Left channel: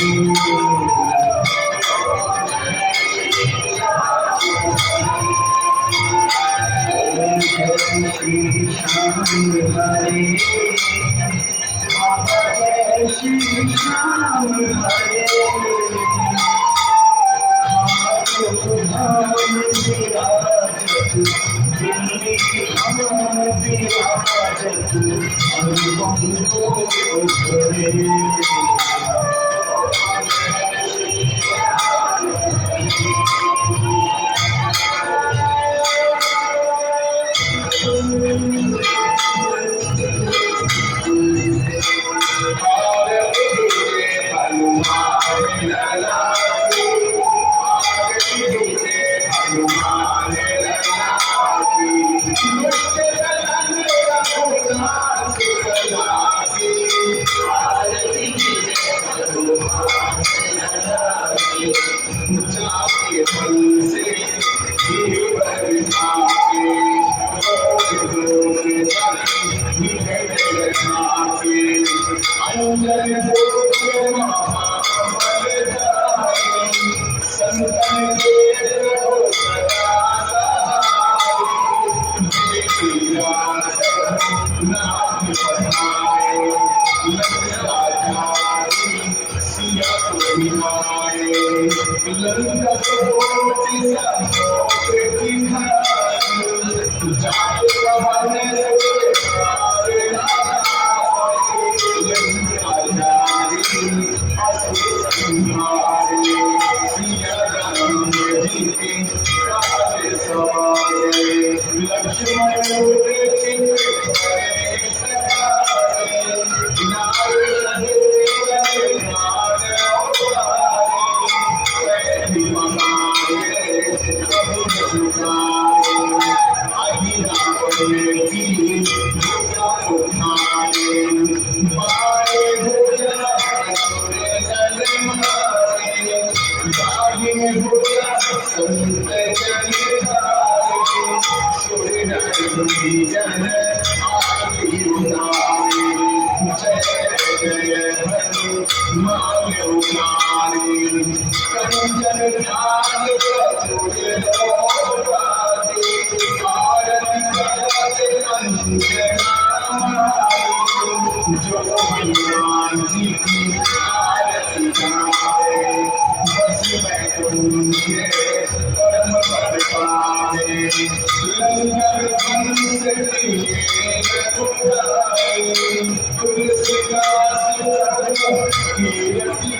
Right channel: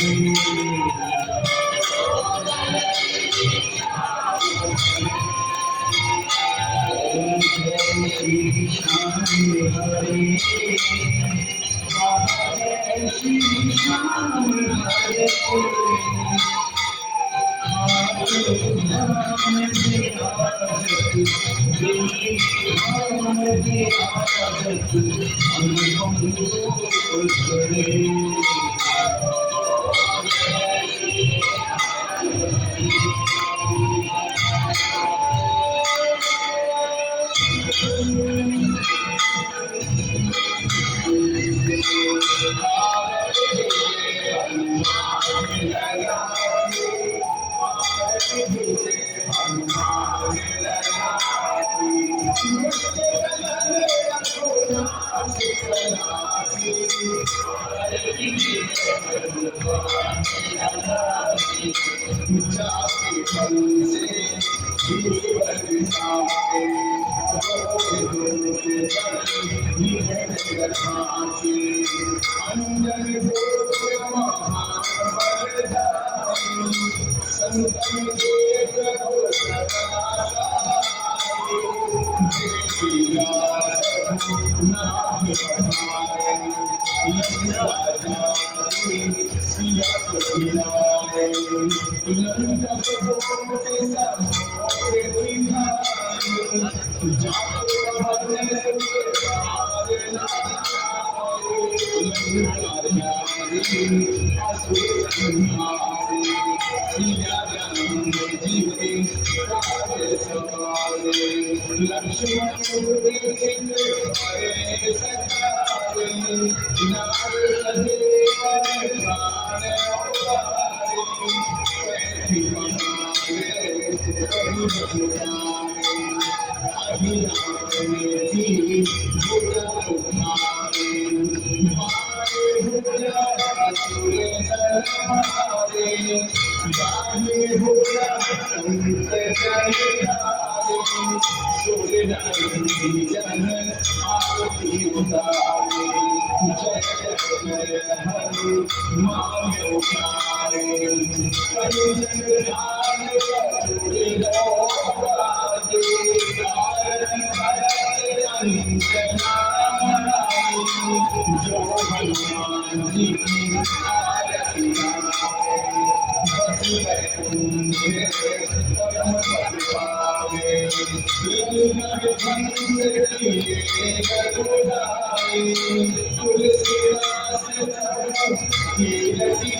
Thank you. Siya को दिखाए लंका को चिसा मोरे दिखाए जाके कहाने से आरे लंका जारी असुर संहारे सिया राम जी के काटे सवारे लक्ष्मण मोरे चित करे सखारे नार सदेव ने प्राण उबारे वैधि महारे प्रभु सुखारे अहिरावण की भुजा उठारे मारे भुजा असुर नर मारे दाहिने भुजा संत जन धारे सुर नर जन आरती उतारे जय जय हनुमान उतारे कंचन ध्यान कपूर लोकारे आरती करते अंजना जो हनुमान जी की आरती गावे बस बैकुंठ परम पद पावे लंगर हंस लिए रघुराई तुलसीदास कीरति